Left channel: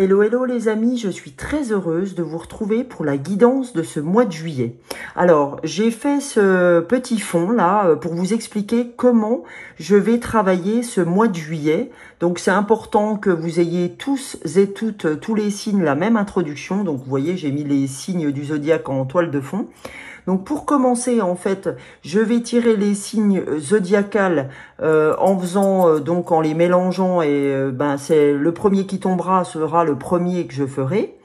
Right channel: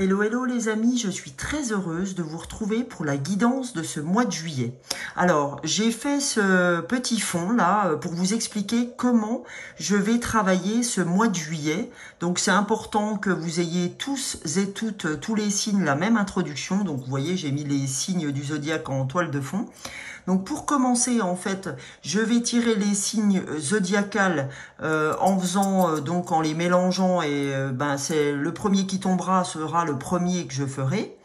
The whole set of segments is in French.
Hello, hello les amis, je suis très heureuse de vous retrouver pour la guidance de ce mois de juillet. Alors, j'ai fait ce petit fond là pour vous expliquer comment je vais travailler ce mois de juillet. Donc, c'est important que vous ayez tous et toutes, tous les signes, la même introduction. Donc, vous voyez, j'ai mis les signes du zodiaque en toile de fond. Donc pour commencer, en fait, je vais tirer les signes zodiacales en faisant donc en les mélangeant et c'est le premier qui tombera sera le premier que je ferai.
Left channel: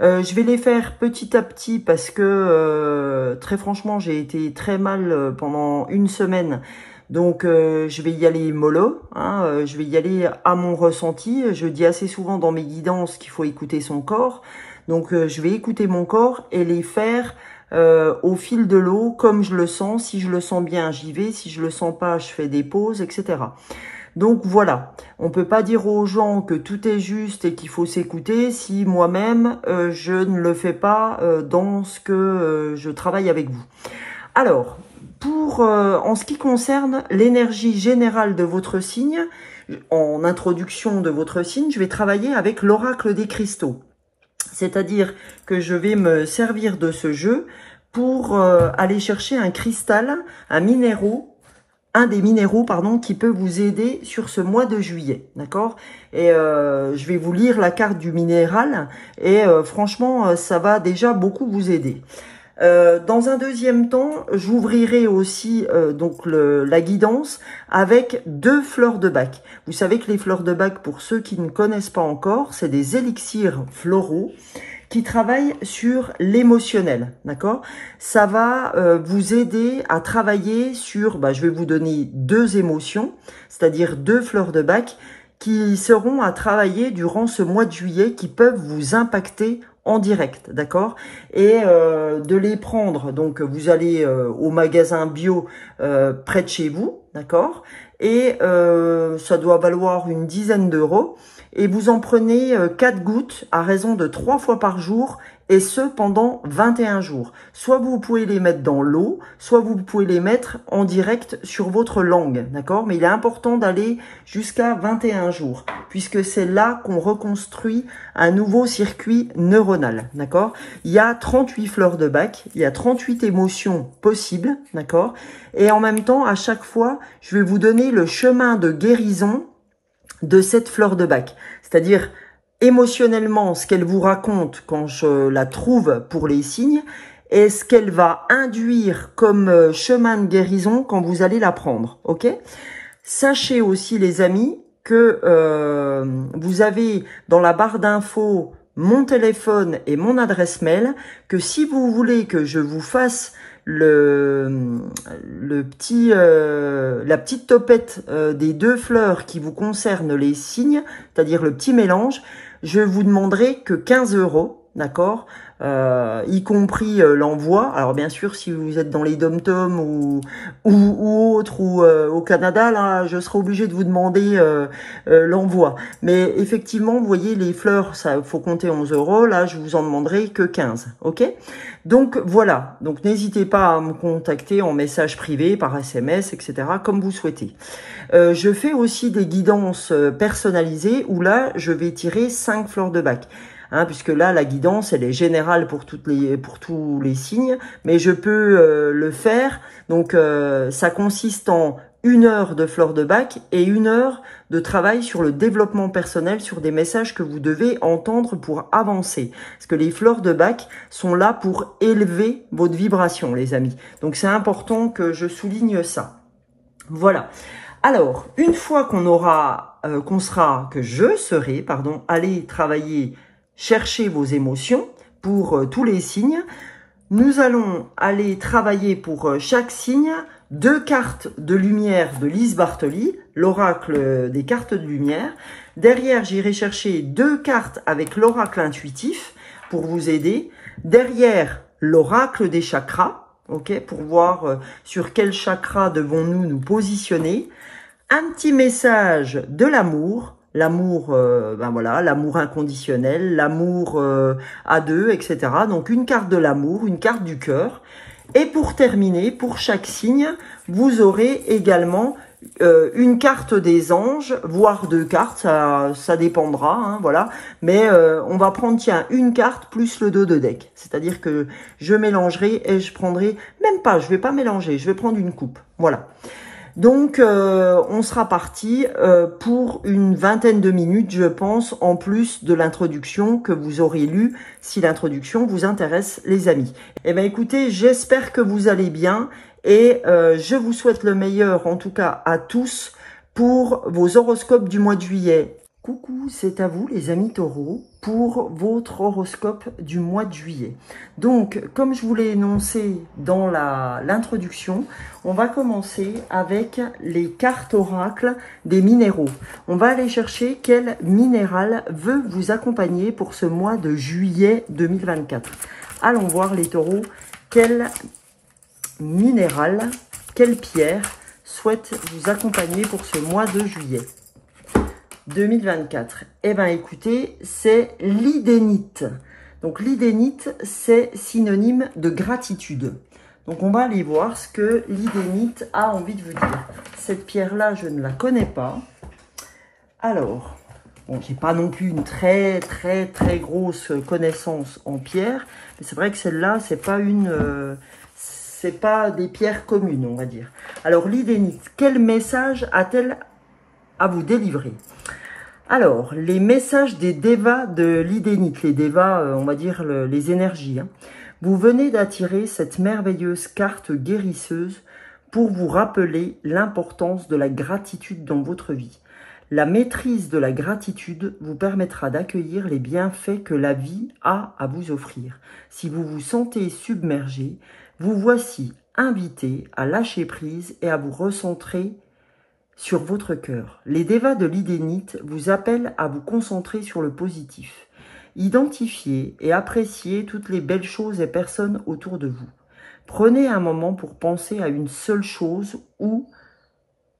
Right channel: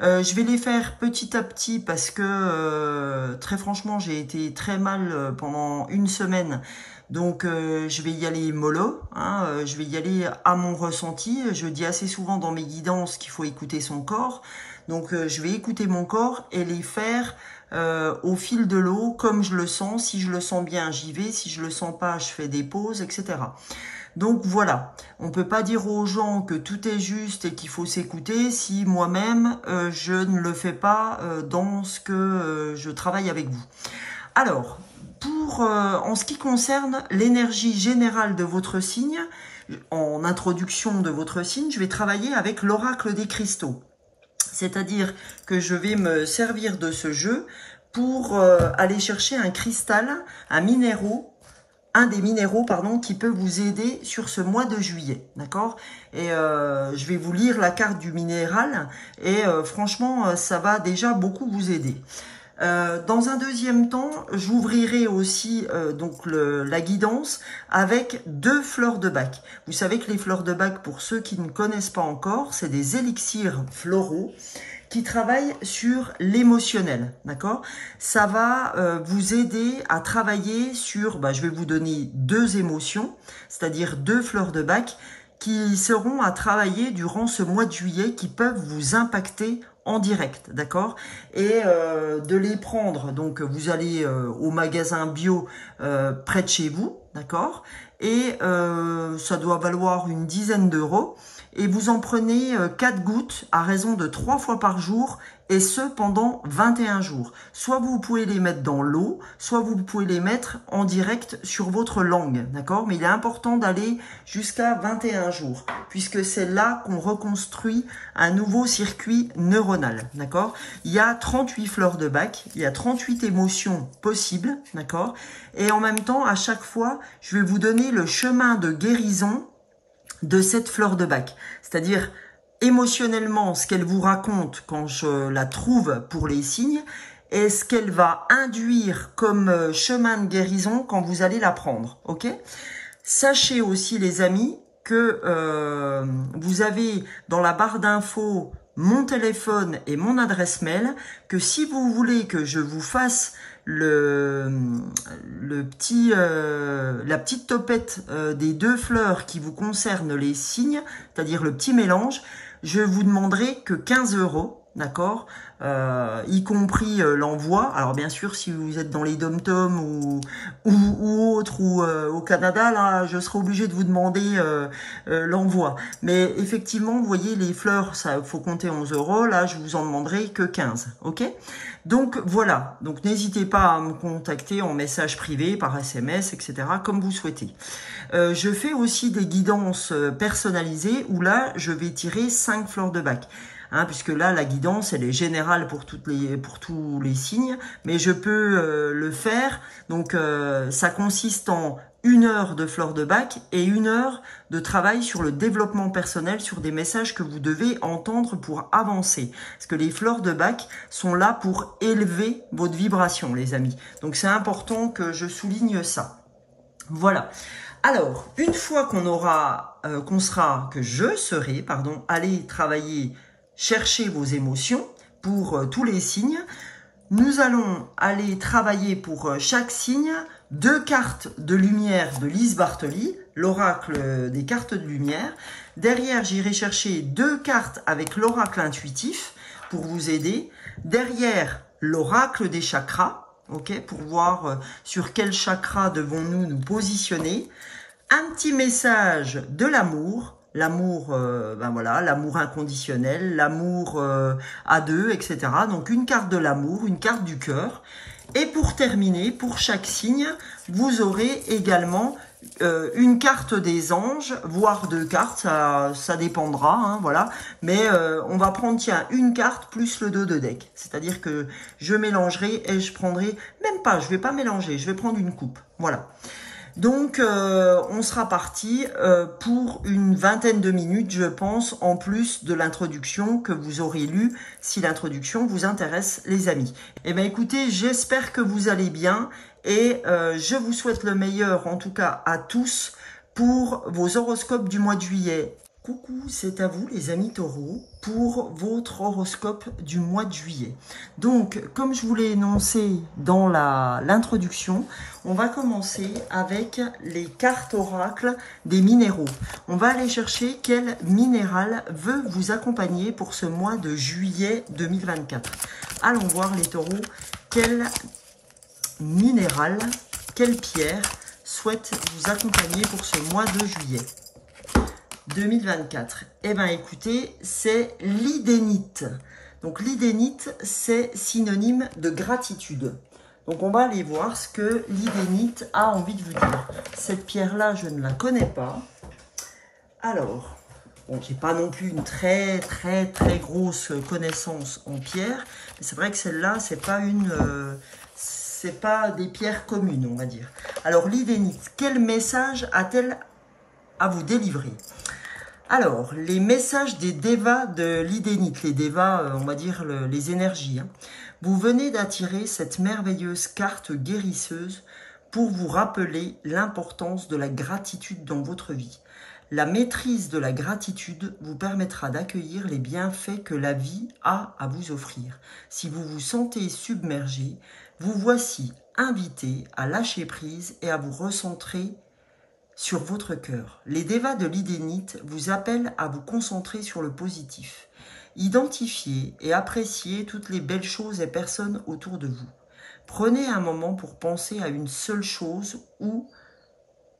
Je vais les faire petit à petit parce que très franchement, j'ai été très mal pendant une semaine. Donc je vais y aller mollo, je vais y aller à mon ressenti. Je dis assez souvent dans mes guidances qu'il faut écouter son corps. Donc je vais écouter mon corps et les faire au fil de l'eau, comme je le sens. Si je le sens bien, j'y vais. Si je le sens pas, je fais des pauses, etc. Donc voilà, on peut pas dire aux gens que tout est juste et qu'il faut s'écouter si moi-même je ne le fais pas dans ce que je travaille avec vous. Alors, en ce qui concerne l'énergie générale de votre signe, en introduction de votre signe, je vais travailler avec l'oracle des cristaux. C'est-à-dire que je vais me servir de ce jeu pour aller chercher un cristal, un des minéraux, qui peut vous aider sur ce mois de juillet, d'accord? Et je vais vous lire la carte du minéral et franchement, ça va déjà beaucoup vous aider. Dans un deuxième temps, j'ouvrirai aussi la guidance avec 2 fleurs de bac. Vous savez que les fleurs de bac, pour ceux qui ne connaissent pas encore, c'est des élixirs floraux qui travaillent sur l'émotionnel, d'accord? Ça va vous aider à travailler sur, je vais vous donner 2 émotions, c'est-à-dire 2 fleurs de bac qui seront à travailler durant ce mois de juillet, qui peuvent vous impacter en direct, d'accord? Et de les prendre, donc vous allez au magasin bio près de chez vous, d'accord? Et ça doit valoir une dizaine d'euros. Et vous en prenez 4 gouttes à raison de 3 fois par jour, et ce pendant 21 jours. Soit vous pouvez les mettre dans l'eau, soit vous pouvez les mettre en direct sur votre langue, d'accord? Mais il est important d'aller jusqu'à 21 jours, puisque c'est là qu'on reconstruit un nouveau circuit neuronal, d'accord? Il y a 38 fleurs de bac, il y a 38 émotions possibles, d'accord? Et en même temps, à chaque fois, je vais vous donner le chemin de guérison de cette fleur de bac, c'est-à-dire émotionnellement ce qu'elle vous raconte quand je la trouve pour les signes et ce qu'elle va induire comme chemin de guérison quand vous allez la prendre, ok? Sachez aussi les amis que vous avez dans la barre d'infos mon téléphone et mon adresse mail, que si vous voulez que je vous fasse la petite topette des 2 fleurs qui vous concernent les signes, c'est-à-dire le petit mélange, je vous demanderai que 15 euros, d'accord, y compris l'envoi. Alors bien sûr, si vous êtes dans les dom-toms ou autres, ou au Canada, là, je serai obligé de vous demander l'envoi. Mais effectivement, vous voyez, les fleurs, ça faut compter 11 euros. Là, je vous en demanderai que 15, ok? Donc voilà, donc n'hésitez pas à me contacter en message privé, par SMS, etc., comme vous souhaitez. Je fais aussi des guidances personnalisées où là, je vais tirer 5 fleurs de bac. Puisque là, la guidance, elle est générale pour tous les signes, mais je peux le faire. Donc, ça consiste en 1 heure de fleurs de bac et 1 heure de travail sur le développement personnel, sur des messages que vous devez entendre pour avancer. Parce que les fleurs de bac sont là pour élever votre vibration, les amis. Donc, c'est important que je souligne ça. Voilà. Alors, une fois que je serai, allé travailler, chercher vos émotions pour tous les signes, nous allons aller travailler pour chaque signe 2 cartes de lumière de Lise Bartoli, l'oracle des cartes de lumière. Derrière, j'irai chercher 2 cartes avec l'oracle intuitif pour vous aider. Derrière, l'oracle des chakras, ok, pour voir sur quel chakra devons-nous nous positionner. Un petit message de l'amour. L'amour, l'amour inconditionnel, l'amour à 2, etc. Donc une carte de l'amour, une carte du cœur. Et pour terminer, pour chaque signe, vous aurez également une carte des anges, voire 2 cartes, ça dépendra, hein, voilà. Mais on va prendre, tiens, une carte plus le dos de deck. C'est-à-dire que je mélangerai et je prendrai, même pas, je vais pas mélanger, je vais prendre une coupe, voilà. Donc, on sera parti pour une vingtaine de minutes, je pense, en plus de l'introduction que vous aurez lue, si l'introduction vous intéresse, les amis. Eh bien, écoutez, j'espère que vous allez bien et je vous souhaite le meilleur, en tout cas à tous, pour vos horoscopes du mois de juillet. Coucou, c'est à vous les amis taureaux pour votre horoscope du mois de juillet. Donc, comme je vous l'ai énoncé dans l'introduction, on va commencer avec les cartes oracles des minéraux. On va aller chercher quel minéral veut vous accompagner pour ce mois de juillet 2024. Allons voir les taureaux, quel minéral, quelle pierre souhaite vous accompagner pour ce mois de juillet 2024. Eh bien, écoutez, c'est l'idénite. Donc, l'idénite, c'est synonyme de gratitude. Donc, on va aller voir ce que l'idénite a envie de vous dire. Cette pierre-là, je ne la connais pas. Alors, bon, j'ai pas non plus une très grosse connaissance en pierre. Mais c'est vrai que celle-là, c'est pas des pierres communes, on va dire. Alors, l'idénite, quel message a-t-elle à vous délivrer? Alors, les messages des devas de l'idénite, les devas, on va dire les énergies. Hein. Vous venez d'attirer cette merveilleuse carte guérisseuse pour vous rappeler l'importance de la gratitude dans votre vie. La maîtrise de la gratitude vous permettra d'accueillir les bienfaits que la vie a à vous offrir. Si vous vous sentez submergé, vous voici invité à lâcher prise et à vous recentrer sur votre cœur. Les devas de l'idénite vous appellent à vous concentrer sur le positif. Identifiez et appréciez toutes les belles choses et personnes autour de vous. Prenez un moment pour penser à une seule chose ou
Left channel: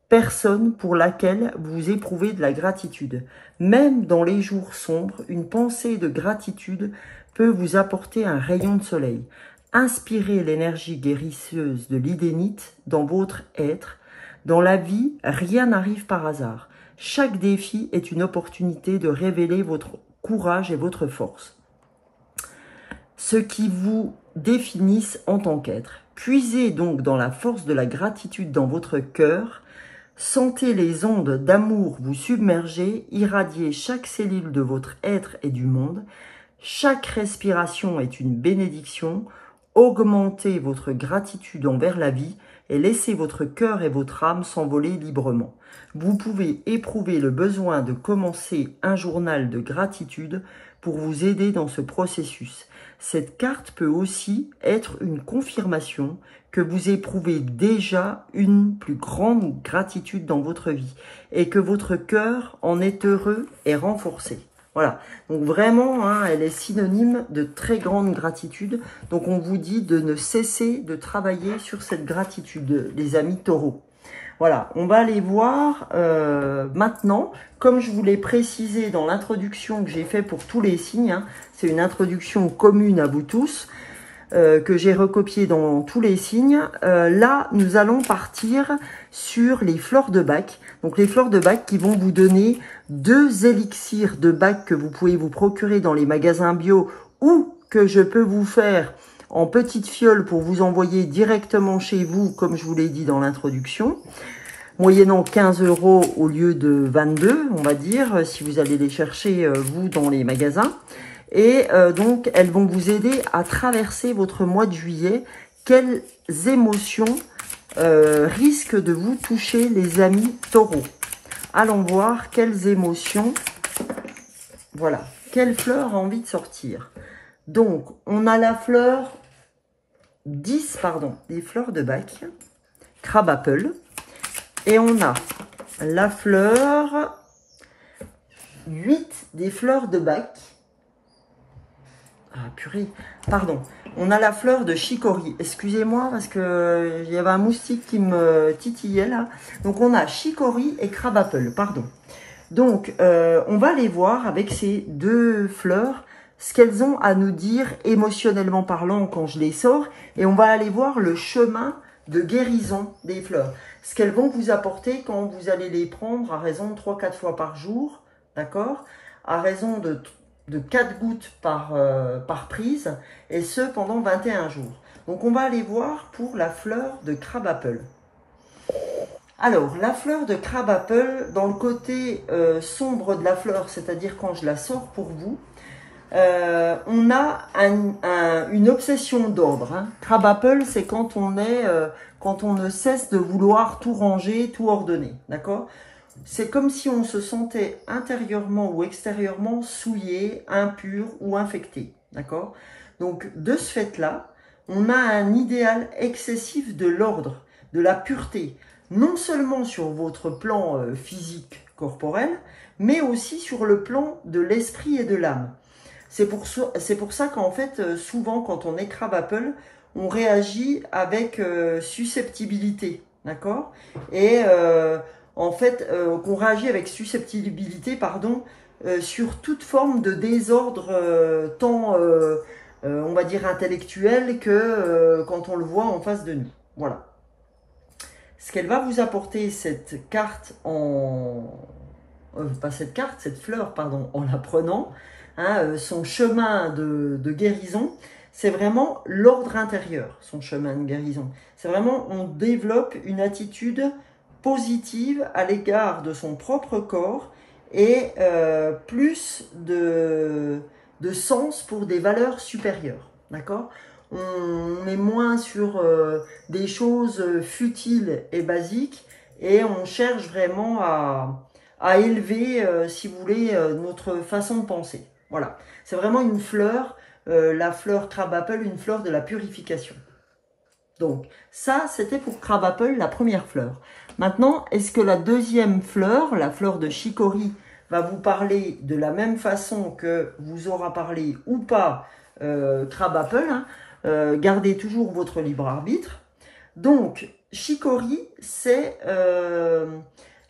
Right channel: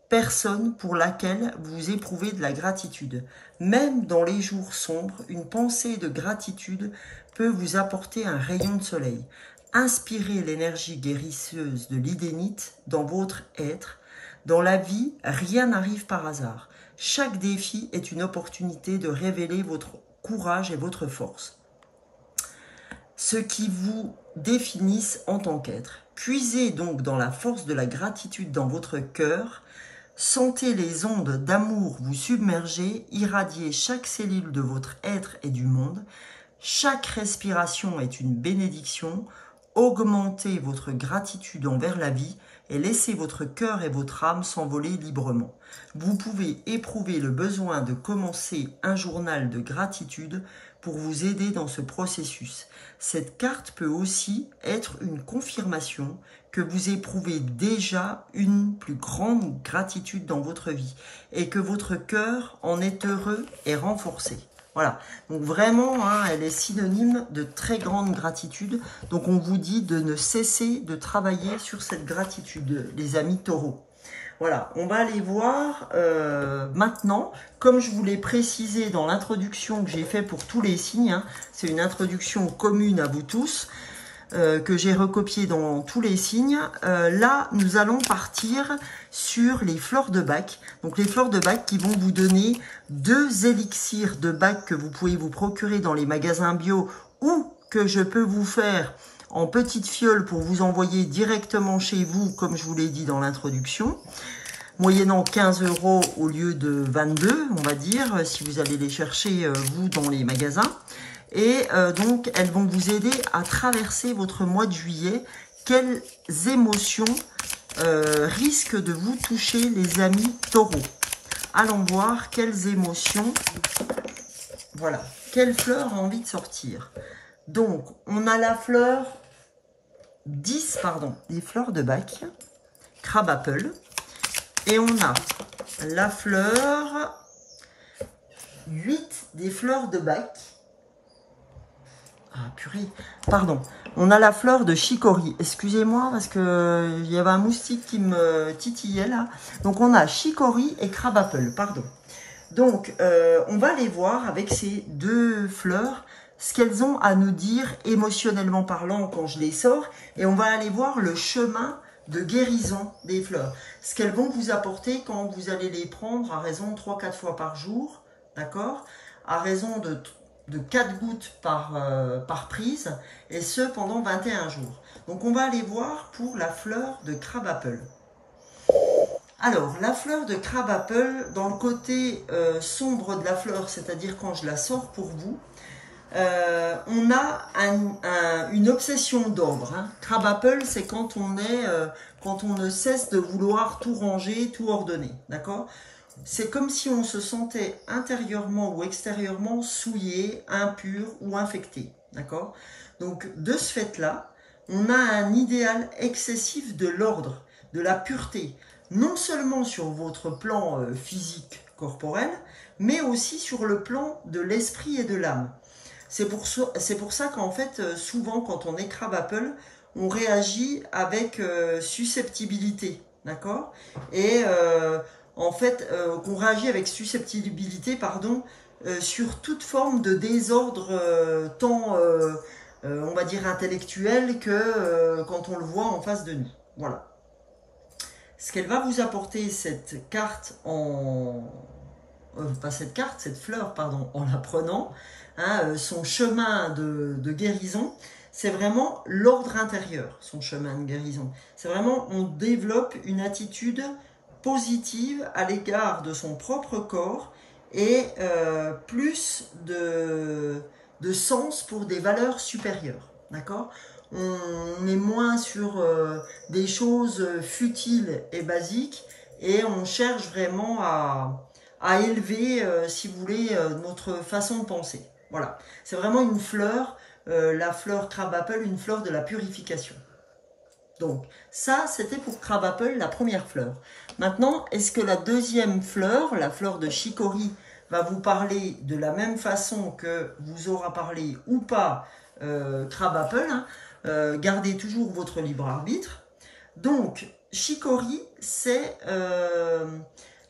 personne pour laquelle vous éprouvez de la gratitude. Même dans les jours sombres, une pensée de gratitude peut vous apporter un rayon de soleil. Inspirez l'énergie guérisseuse de l'idénite dans votre être. Dans la vie, rien n'arrive par hasard. Chaque défi est une opportunité de révéler votre courage et votre force. Ce qui vous définissent en tant qu'être. Puisez donc dans la force de la gratitude dans votre cœur. Sentez les ondes d'amour vous submerger, irradier chaque cellule de votre être et du monde. Chaque respiration est une bénédiction. Augmentez votre gratitude envers la vie et laissez votre cœur et votre âme s'envoler librement. Vous pouvez éprouver le besoin de commencer un journal de gratitude pour vous aider dans ce processus. Cette carte peut aussi être une confirmation que vous éprouvez déjà une plus grande gratitude dans votre vie et que votre cœur en est heureux et renforcé. Voilà, donc vraiment, hein, elle est synonyme de très grande gratitude. Donc, on vous dit de ne cesser de travailler sur cette gratitude, les amis taureaux. Voilà, on va aller voir maintenant, comme je vous l'ai précisé dans l'introduction que j'ai fait pour tous les signes, hein, c'est une introduction commune à vous tous, que j'ai recopié dans tous les signes. Là, nous allons partir sur les fleurs de bac. Donc, les fleurs de bac qui vont vous donner 2 élixirs de bac que vous pouvez vous procurer dans les magasins bio ou que je peux vous faire en petite fiole pour vous envoyer directement chez vous, comme je vous l'ai dit dans l'introduction, moyennant 15 € au lieu de 22, on va dire, si vous allez les chercher, vous, dans les magasins. Et donc, elles vont vous aider à traverser votre mois de juillet. Quelles émotions risquent de vous toucher, les amis taureaux? Allons voir quelles émotions. Voilà, quelle fleur a envie de sortir? Donc, on a la fleur 10, pardon, des fleurs de bac, Crab Apple. Et on a la fleur 8 des fleurs de bac. Ah, purée, pardon. On a la fleur de chicory. Excusez-moi parce que il y avait un moustique qui me titillait là. Donc, on a chicory et Crab Apple, pardon. Donc, on va aller voir avec ces 2 fleurs ce qu'elles ont à nous dire émotionnellement parlant quand je les sors. Et on va aller voir le chemin de guérison des fleurs. Ce qu'elles vont vous apporter quand vous allez les prendre à raison de 3-4 fois par jour, d'accord? À raison de 4 gouttes par prise, et ce pendant 21 jours. Donc on va aller voir pour la fleur de crabapple. Alors, la fleur de crabapple, dans le côté sombre de la fleur, c'est-à-dire quand je la sors pour vous, on a une obsession d'ordre. Hein. Crabapple, c'est quand on ne cesse de vouloir tout ranger, tout ordonner, d'accord? C'est comme si on se sentait intérieurement ou extérieurement souillé, impur ou infecté, d'accord? Donc, de ce fait-là, on a un idéal excessif de l'ordre, de la pureté, non seulement sur votre plan physique, corporel, mais aussi sur le plan de l'esprit et de l'âme. C'est pour ça qu'en fait, souvent, quand on est crabapple, on réagit avec susceptibilité, d'accord? Et en fait, qu'on réagit avec susceptibilité, pardon, sur toute forme de désordre, tant, on va dire, intellectuel que quand on le voit en face de nous. Voilà. Ce qu'elle va vous apporter, cette carte pas cette carte, cette fleur, pardon, en la prenant, hein, son chemin de guérison, c'est vraiment l'ordre intérieur, son chemin de guérison. C'est vraiment, on développe une attitude positive à l'égard de son propre corps et plus de sens pour des valeurs supérieures, d'accord? On est moins sur des choses futiles et basiques et on cherche vraiment à élever, si vous voulez, notre façon de penser. Voilà, c'est vraiment une fleur, la fleur crabapple, une fleur de la purification. Donc, ça, c'était pour crabapple, la première fleur. Maintenant, est-ce que la deuxième fleur, la fleur de chicory, va vous parler de la même façon que vous aura parlé ou pas crabapple, hein? Gardez toujours votre libre arbitre. Donc, chicory, c'est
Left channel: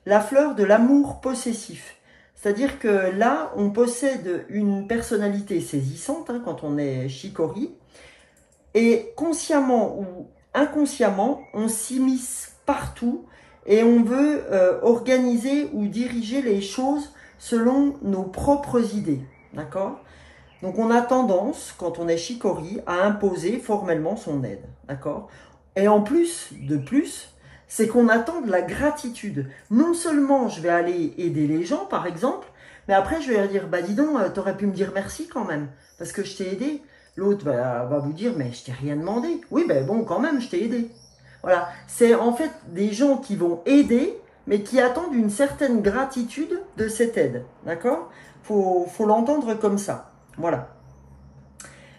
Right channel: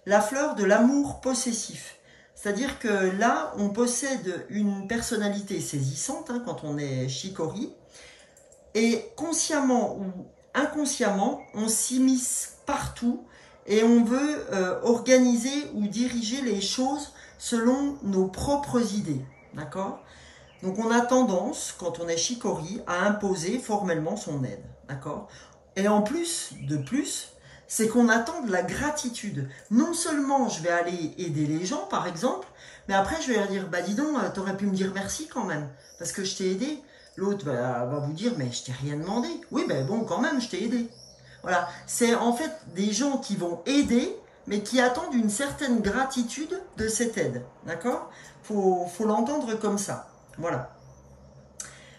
la fleur de l'amour possessif. C'est-à-dire que là, on possède une personnalité saisissante hein, quand on est chicory. Et consciemment ou inconsciemment, on s'immisce partout et on veut organiser ou diriger les choses selon nos propres idées. D'accord ? Donc, on a tendance, quand on est chicory, à imposer formellement son aide. D'accord ? Et en plus, c'est qu'on attend de la gratitude. Non seulement je vais aller aider les gens, par exemple, mais après, je vais leur dire, bah dis donc, t'aurais pu me dire merci quand même, parce que je t'ai aidé. L'autre va vous dire, mais je t'ai rien demandé. Oui, ben bon, quand même, je t'ai aidé. Voilà, c'est en fait des gens qui vont aider, mais qui attendent une certaine gratitude de cette aide. D'accord ? Faut l'entendre comme ça. Voilà.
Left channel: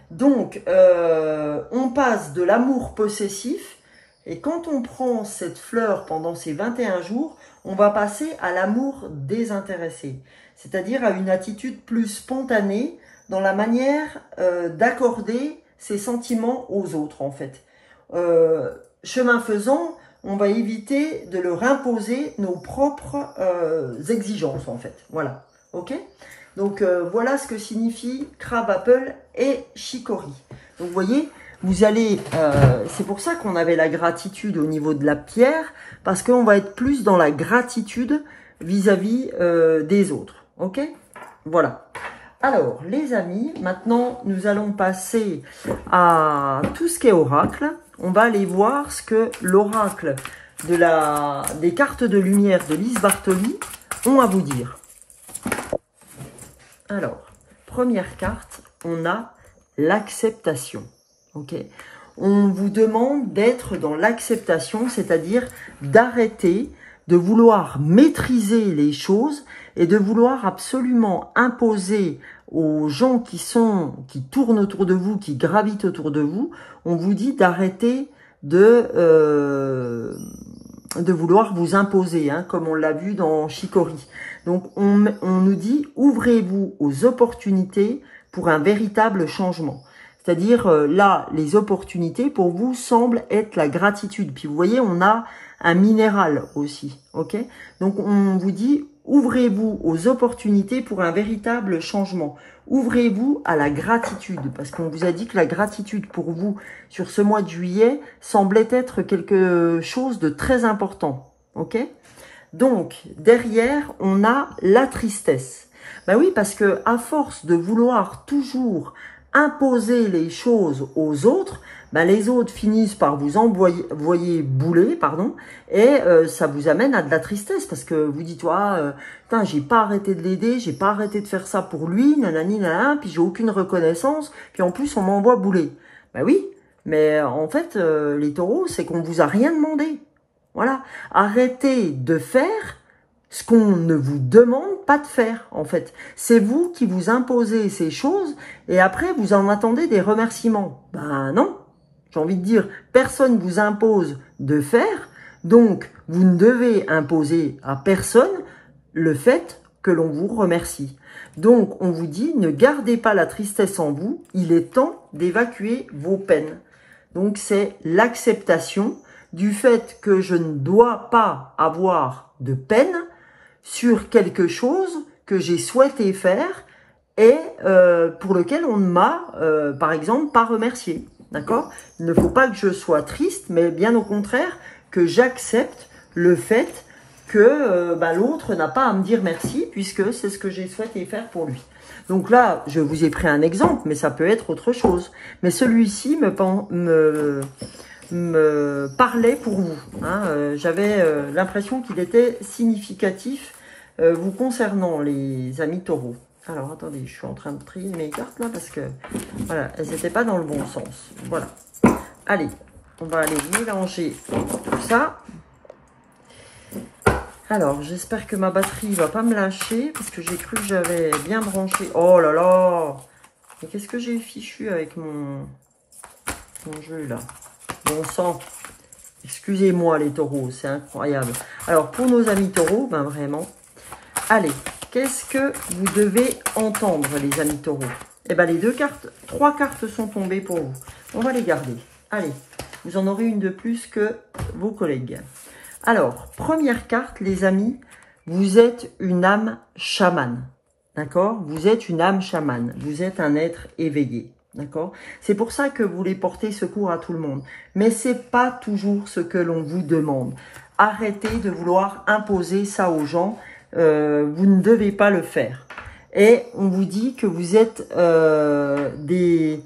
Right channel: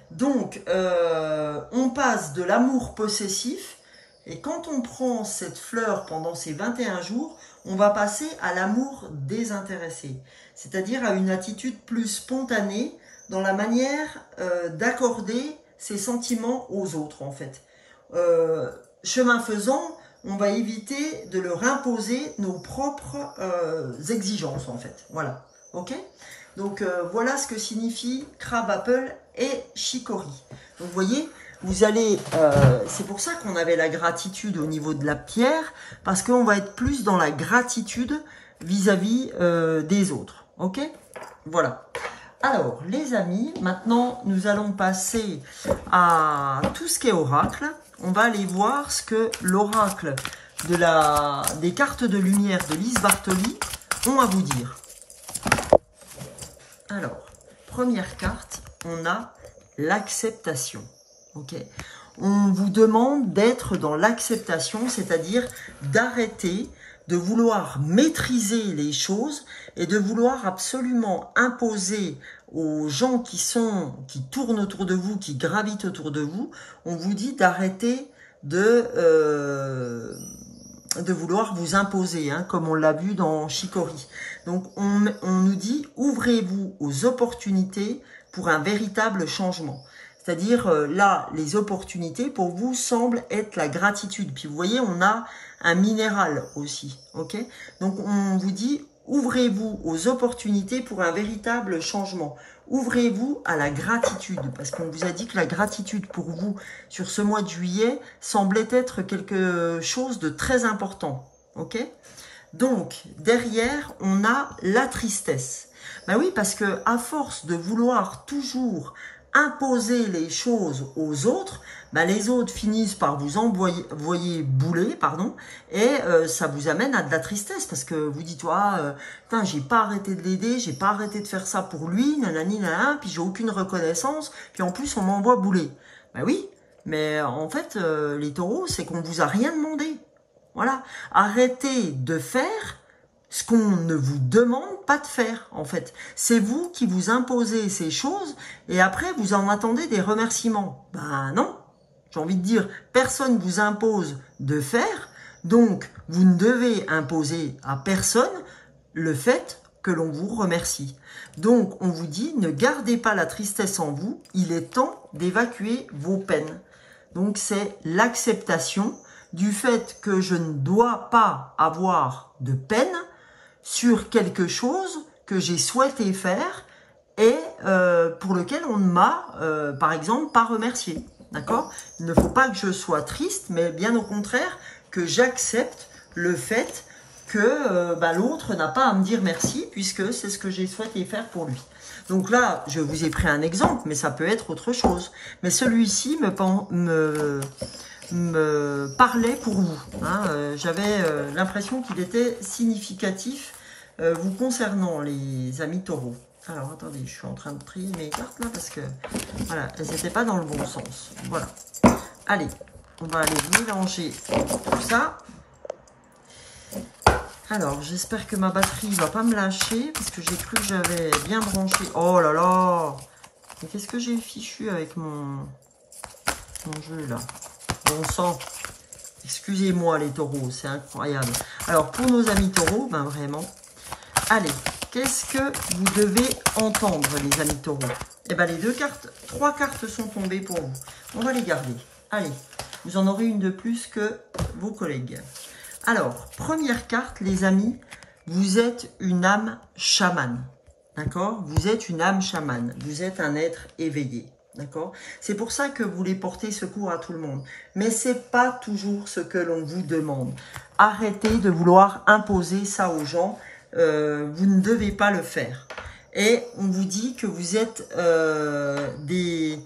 Donc, on passe de l'amour possessif, et quand on prend cette fleur pendant ces 21 jours, on va passer à l'amour désintéressé, c'est-à-dire à une attitude plus spontanée dans la manière d'accorder ses sentiments aux autres, en fait. Chemin faisant, on va éviter de leur imposer nos propres exigences, en fait. Voilà, ok ? Donc, voilà ce que signifie crabapple et chicory. Donc, vous voyez, vous allez... c'est pour ça qu'on avait la gratitude au niveau de la pierre, parce qu'on va être plus dans la gratitude vis-à-vis des autres. Ok ? Voilà. Alors, les amis, maintenant, nous allons passer à tout ce qui est oracle. On va aller voir ce que l'oracle des cartes de lumière de Lise Bartoli ont à vous dire. Alors, première carte, on a l'acceptation. Ok ? On vous demande d'être dans l'acceptation, c'est-à-dire d'arrêter de vouloir maîtriser les choses et de vouloir absolument imposer aux gens qui tournent autour de vous, qui gravitent autour de vous. On vous dit d'arrêter de vouloir vous imposer, hein, comme on l'a vu dans Chicory. Donc, on nous dit, ouvrez-vous aux opportunités pour un véritable changement. C'est-à-dire, là, les opportunités, pour vous, semblent être la gratitude. Puis, vous voyez, on a un minéral aussi, ok? Donc, on vous dit, ouvrez-vous aux opportunités pour un véritable changement. ouvrez-vous à la gratitude, parce qu'on vous a dit que la gratitude pour vous, sur ce mois de juillet, semblait être quelque chose de très important, ok? Donc, derrière, on a la tristesse. Ben oui, parce que à force de vouloir toujours imposer les choses aux autres, ben les autres finissent par vous envoyer bouler, pardon, et ça vous amène à de la tristesse, parce que vous dites, putain, j'ai pas arrêté de l'aider, j'ai pas arrêté de faire ça pour lui, nanani, nanana, puis j'ai aucune reconnaissance, puis en plus on m'envoie bouler. Ben oui, mais en fait, les taureaux, c'est qu'on vous a rien demandé. Voilà, arrêtez de faire ce qu'on ne vous demande pas de faire, en fait. C'est vous qui vous imposez ces choses et après, vous en attendez des remerciements. Ben non, j'ai envie de dire, personne ne vous impose de faire, donc vous ne devez imposer à personne le fait que l'on vous remercie. Donc, on vous dit, ne gardez pas la tristesse en vous, il est temps d'évacuer vos peines. Donc, c'est l'acceptation du fait que je ne dois pas avoir de peine sur quelque chose que j'ai souhaité faire et pour lequel on ne m'a, par exemple, pas remercié. D'accord? Il ne faut pas que je sois triste, mais bien au contraire, que j'accepte le fait que l'autre n'a pas à me dire merci, puisque c'est ce que j'ai souhaité faire pour lui. Donc là, je vous ai pris un exemple, mais ça peut être autre chose. Mais celui-ci me parlait pour vous. Hein. J'avais l'impression qu'il était significatif vous concernant, les amis taureaux. Alors, attendez, je suis en train de trier mes cartes là parce que, voilà, elles n'étaient pas dans le bon sens. Voilà. Allez, on va aller mélanger tout ça. Alors, j'espère que ma batterie va pas me lâcher parce que j'ai cru que j'avais bien branché. Oh là là! Mais qu'est-ce que j'ai fichu avec mon jeu là? Bon sang! Excusez-moi les taureaux, c'est incroyable. Alors, pour nos amis taureaux, ben vraiment, allez, qu'est-ce que vous devez entendre, les amis taureaux? Eh bien, les trois cartes sont tombées pour vous. On va les garder. Allez, vous en aurez une de plus que vos collègues. Alors, première carte, les amis, vous êtes une âme chamane. D'accord? Vous êtes une âme chamane. Vous êtes un être éveillé. D'accord? C'est pour ça que vous voulez porter secours à tout le monde. Mais ce n'est pas toujours ce que l'on vous demande. Arrêtez de vouloir imposer ça aux gens. Vous ne devez pas le faire. Et on vous dit que vous êtes des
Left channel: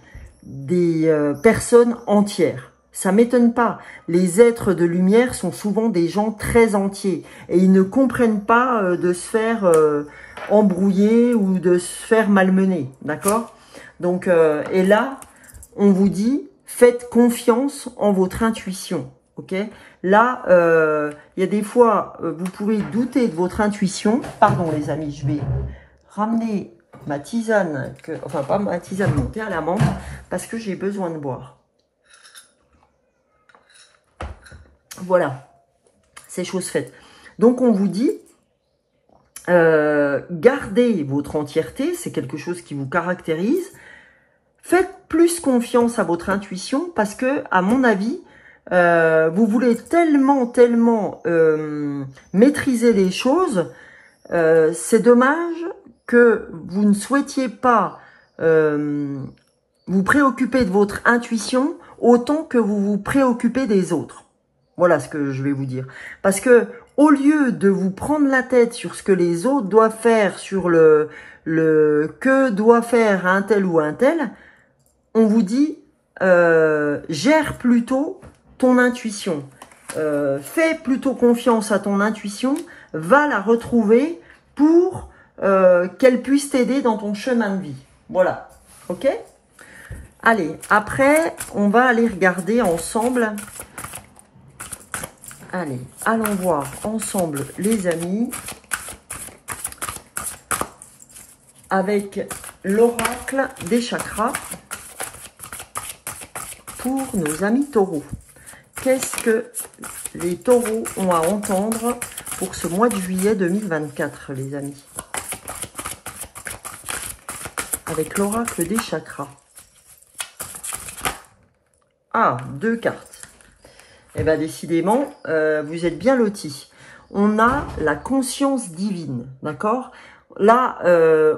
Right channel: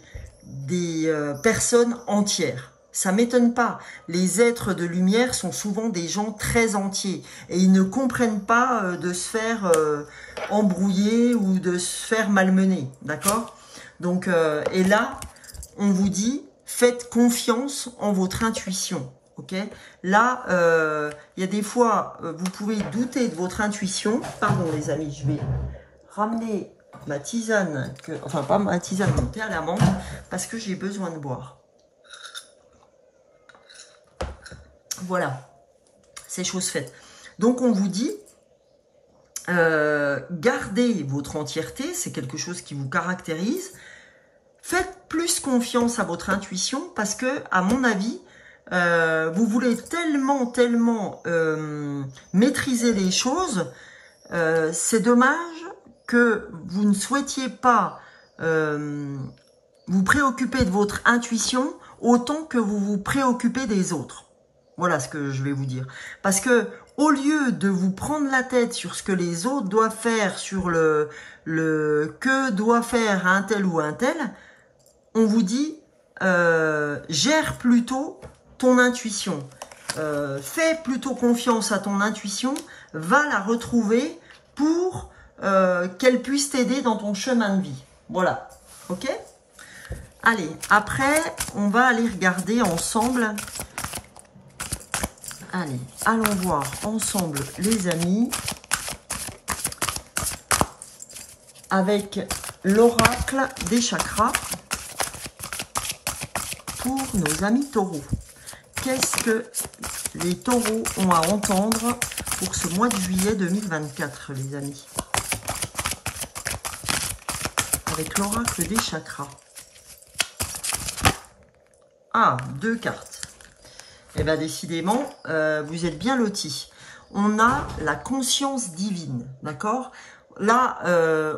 personnes entières. Ça m'étonne pas. Les êtres de lumière sont souvent des gens très entiers. Et ils ne comprennent pas de se faire embrouiller ou de se faire malmener. D'accord? Donc, et là, on vous dit, faites confiance en votre intuition. Ok? Là, il y a des fois, vous pouvez douter de votre intuition. Pardon les amis, je vais ramener ma tisane, enfin pas ma tisane, mon thé à la menthe, parce que j'ai besoin de boire. Voilà, c'est chose faite. Donc on vous dit, gardez votre entièreté, c'est quelque chose qui vous caractérise. Faites plus confiance à votre intuition parce que, à mon avis, vous voulez tellement maîtriser les choses. C'est dommage que vous ne souhaitiez pas vous préoccuper de votre intuition autant que vous vous préoccupez des autres. Voilà ce que je vais vous dire. Parce que au lieu de vous prendre la tête sur ce que les autres doivent faire, sur le que doit faire un tel ou un tel, on vous dit gère plutôt ton intuition. Fais plutôt confiance à ton intuition, va la retrouver pour qu'elle puisse t'aider dans ton chemin de vie. Voilà, ok? Allez, après, on va aller regarder ensemble. Allez, allons voir ensemble, les amis, avec l'oracle des chakras pour nos amis taureaux. Qu'est-ce que les taureaux ont à entendre pour ce mois de juillet 2024, les amis? Avec l'oracle des chakras. Ah, 2 cartes. Eh bien, décidément, vous êtes bien lotis. On a la conscience divine, d'accord? là,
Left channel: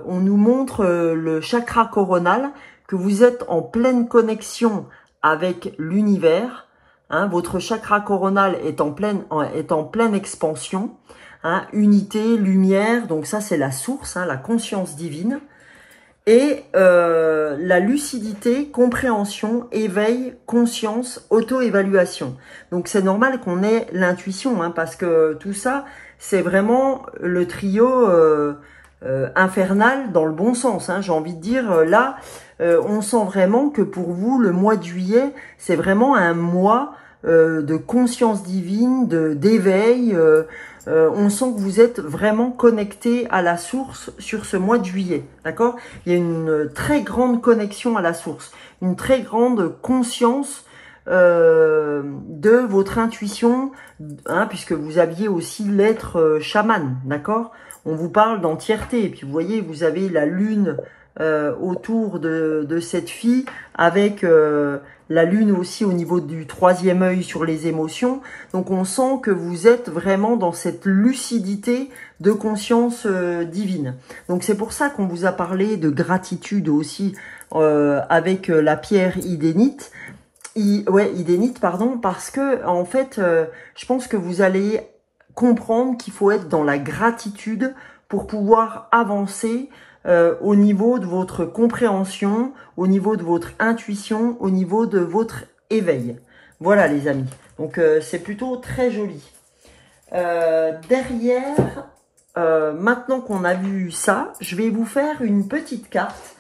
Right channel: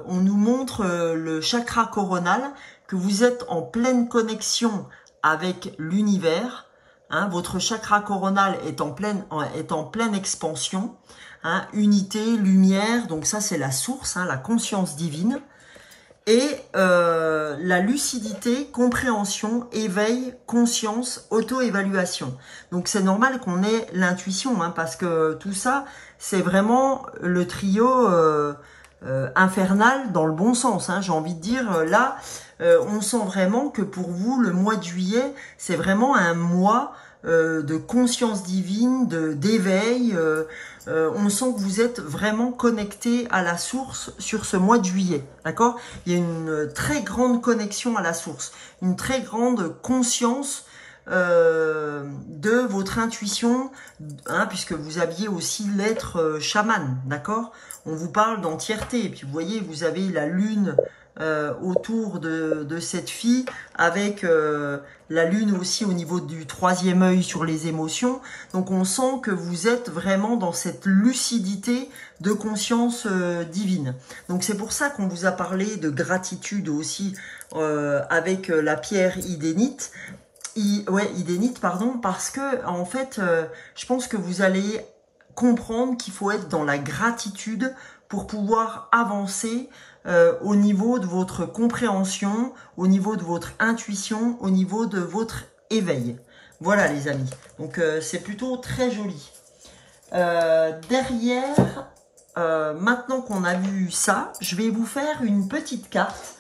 on nous montre le chakra coronal, que vous êtes en pleine connexion avec l'univers. Hein, votre chakra coronal est en pleine expansion. Hein, unité, lumière, donc ça c'est la source, hein, la conscience divine. Et la lucidité, compréhension, éveil, conscience, auto-évaluation. Donc c'est normal qu'on ait l'intuition, hein, parce que tout ça, c'est vraiment le trio infernal dans le bon sens. Hein, j'ai envie de dire, là, on sent vraiment que pour vous, le mois de juillet, c'est vraiment un mois de conscience divine, d'éveil. On sent que vous êtes vraiment connecté à la source sur ce mois de juillet, d'accord? Il y a une très grande connexion à la source, une très grande conscience de votre intuition, hein, puisque vous aviez aussi l'être chaman, d'accord? On vous parle d'entièreté, et puis vous voyez, vous avez la lune autour de cette fille, avec la lune aussi au niveau du troisième œil sur les émotions. Donc on sent que vous êtes vraiment dans cette lucidité de conscience divine. Donc c'est pour ça qu'on vous a parlé de gratitude aussi avec la pierre idénite. Idénite, pardon, parce que en fait, je pense que vous allez comprendre qu'il faut être dans la gratitude pour pouvoir avancer au niveau de votre compréhension, au niveau de votre intuition, au niveau de votre éveil. Voilà les amis, donc c'est plutôt très joli. Derrière, maintenant qu'on a vu ça, je vais vous faire une petite carte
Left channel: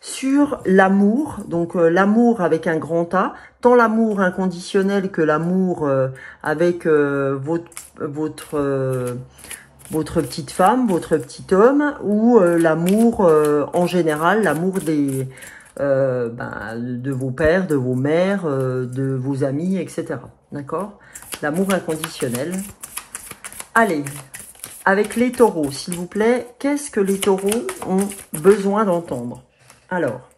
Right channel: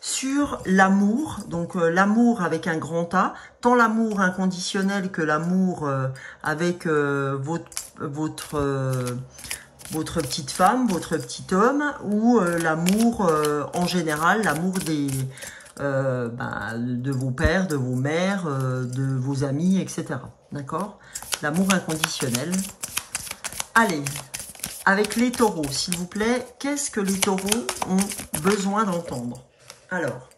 sur l'amour, donc l'amour avec un grand A, tant l'amour inconditionnel que l'amour avec votre petite femme, votre petit homme, ou l'amour en général, l'amour de vos pères, de vos mères, de vos amis, etc. D'accord? L'amour inconditionnel. Allez, avec les taureaux, s'il vous plaît, qu'est-ce que les taureaux ont besoin d'entendre? Alors,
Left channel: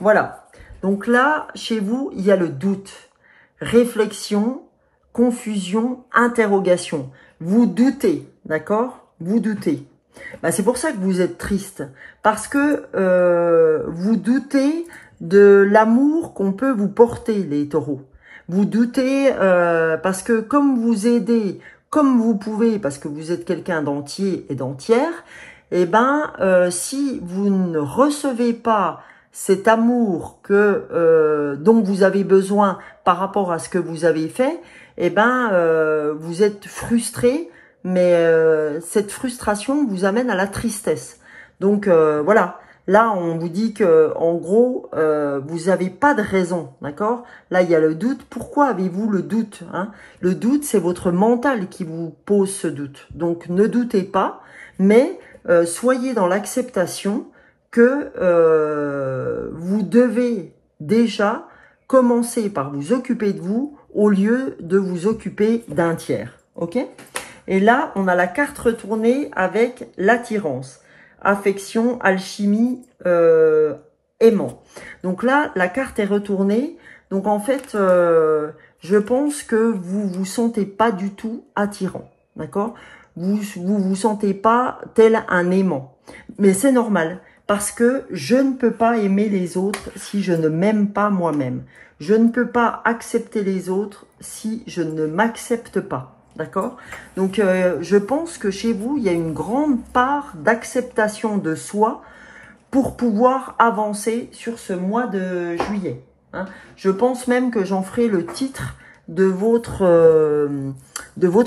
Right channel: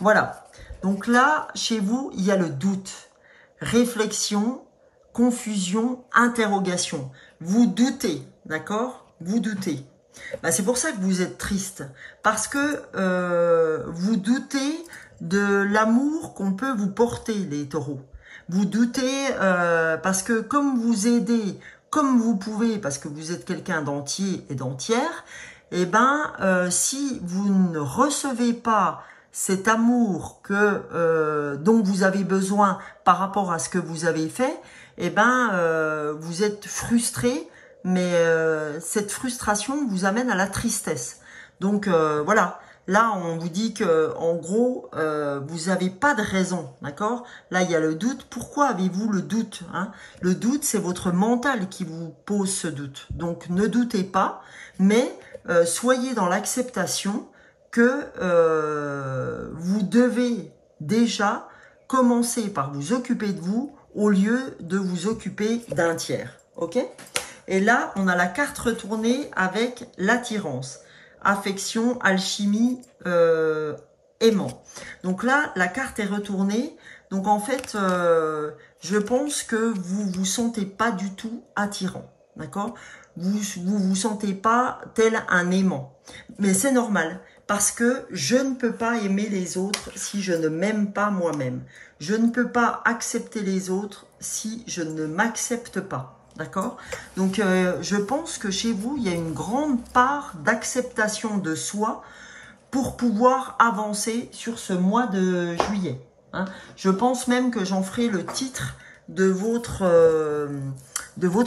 voilà. Donc là, chez vous, il y a le doute, réflexion, confusion, interrogation. Vous doutez, d'accord? Vous doutez. Ben, c'est pour ça que vous êtes triste. Parce que vous doutez de l'amour qu'on peut vous porter, les taureaux. Vous doutez parce que comme vous aidez, comme vous pouvez, parce que vous êtes quelqu'un d'entier et d'entière, eh ben, si vous ne recevez pas cet amour dont vous avez besoin par rapport à ce que vous avez fait, eh ben, vous êtes frustré, mais cette frustration vous amène à la tristesse. Donc voilà, là on vous dit que en gros, vous n'avez pas de raison, d'accord? Là il y a le doute. Pourquoi avez-vous le doute, hein? Le doute, c'est votre mental qui vous pose ce doute. Donc ne doutez pas, mais soyez dans l'acceptation que vous devez déjà commencer par vous occuper de vous au lieu de vous occuper d'un tiers. Ok? Et là, on a la carte retournée avec l'attirance, affection, alchimie, aimant. Donc là, la carte est retournée. Donc en fait, je pense que vous sentez pas du tout attirant. D'accord? Vous sentez pas tel un aimant. Mais c'est normal, parce que je ne peux pas aimer les autres si je ne m'aime pas moi-même. Je ne peux pas accepter les autres si je ne m'accepte pas. D'accord? Donc, je pense que chez vous, il y a une grande part d'acceptation de soi pour pouvoir avancer sur ce mois de juillet. Hein. Je pense même que j'en ferai le titre de votre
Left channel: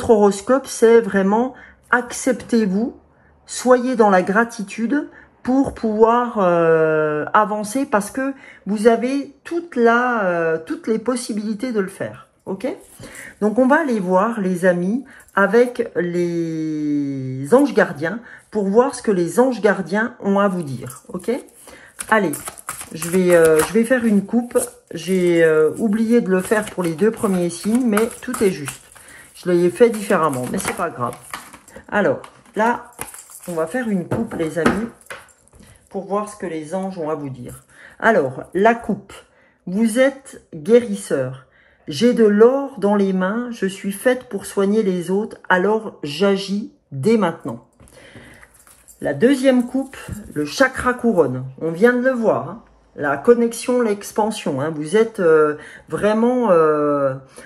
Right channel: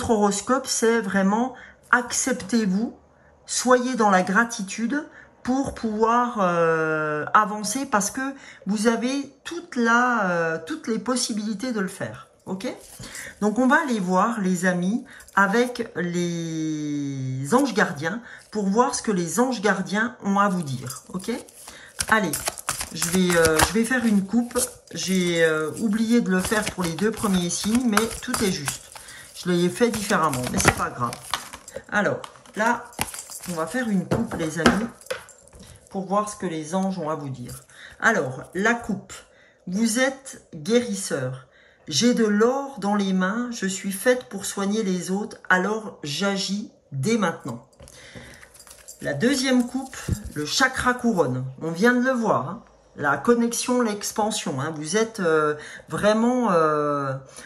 horoscope, c'est vraiment acceptez-vous, soyez dans la gratitude pour pouvoir avancer, parce que vous avez toutes les possibilités de le faire. Ok? Donc on va aller voir les amis avec les anges gardiens pour voir ce que les anges gardiens ont à vous dire. Ok? Allez, je vais faire une coupe. J'ai oublié de le faire pour les deux premiers signes, mais tout est juste. Je l'ai fait différemment, mais c'est pas grave. Alors, là, on va faire une coupe, les amis, pour voir ce que les anges ont à vous dire. Alors, la coupe. Vous êtes guérisseur. J'ai de l'or dans les mains, je suis faite pour soigner les autres, alors j'agis dès maintenant. La deuxième coupe, le chakra couronne. On vient de le voir, hein. La connexion, l'expansion. Hein. Vous êtes vraiment...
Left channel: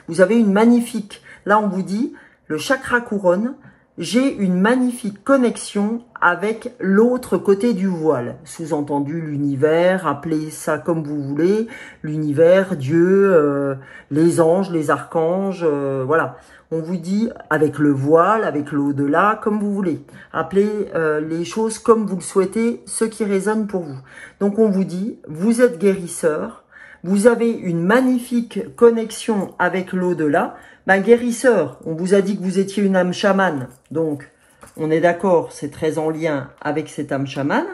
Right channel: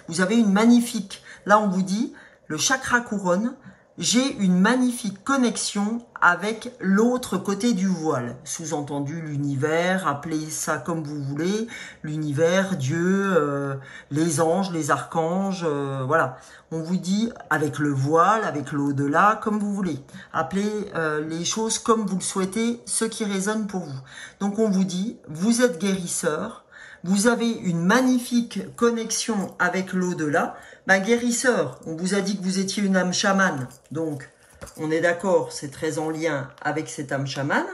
vous avez une magnifique... Là, on vous dit, le chakra couronne, j'ai une magnifique connexion avec l'autre côté du voile. Sous-entendu, l'univers, appelez ça comme vous voulez. L'univers, Dieu, les anges, les archanges, voilà. On vous dit avec le voile, avec l'au-delà, comme vous voulez. Appelez les choses comme vous le souhaitez, ce qui résonne pour vous. Donc on vous dit, vous êtes guérisseur, vous avez une magnifique connexion avec l'au-delà. Ben, guérisseur, on vous a dit que vous étiez une âme chamane, donc on est d'accord, c'est très en lien avec cette âme chamane.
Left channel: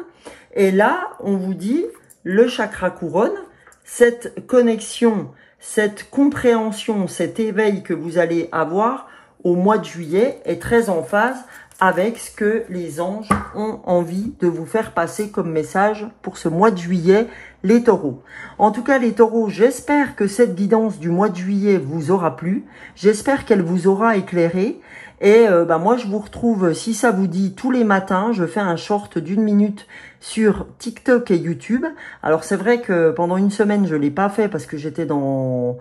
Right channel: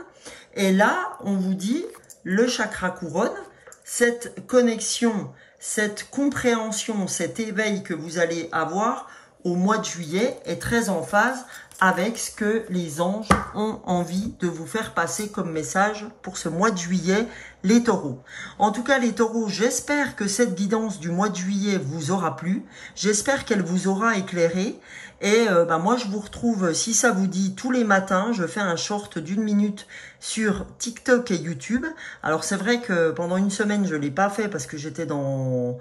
Et là, on vous dit, le chakra couronne, cette connexion, cette compréhension, cet éveil que vous allez avoir au mois de juillet est très en phase avec ce que les anges ont envie de vous faire passer comme message pour ce mois de juillet, les taureaux. En tout cas, les taureaux, j'espère que cette guidance du mois de juillet vous aura plu. J'espère qu'elle vous aura éclairé. Et moi, je vous retrouve, si ça vous dit, tous les matins. Je fais un short d'1 minute sur TikTok et YouTube. Alors, c'est vrai que pendant une semaine, je l'ai pas fait parce que j'étais dans...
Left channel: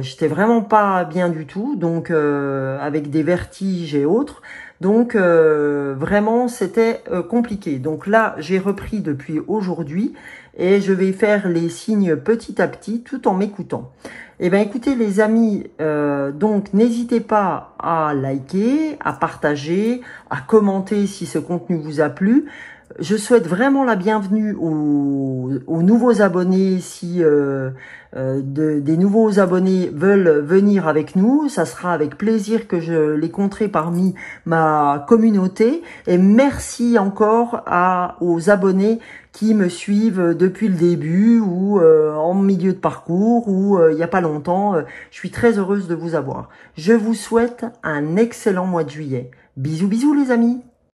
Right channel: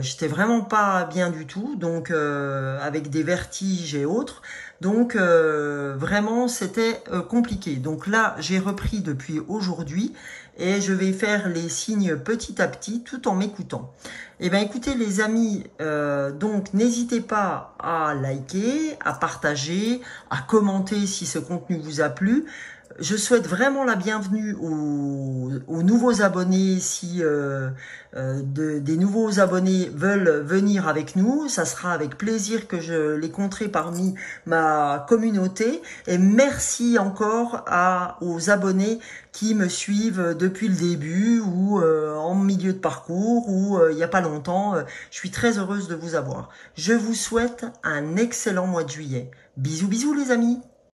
j'étais vraiment pas bien du tout, donc avec des vertiges et autres. Donc vraiment c'était compliqué. Donc là j'ai repris depuis aujourd'hui et je vais faire les signes petit à petit tout en m'écoutant. Eh bien écoutez les amis, donc n'hésitez pas à liker, à partager, à commenter si ce contenu vous a plu. Je souhaite vraiment la bienvenue aux nouveaux abonnés. Si des nouveaux abonnés veulent venir avec nous, ça sera avec plaisir que je les compterai parmi ma communauté. Et merci encore aux abonnés qui me suivent depuis le début ou en milieu de parcours ou il n'y a pas longtemps. Je suis très heureuse de vous avoir. Je vous souhaite un excellent mois de juillet. Bisous bisous les amis.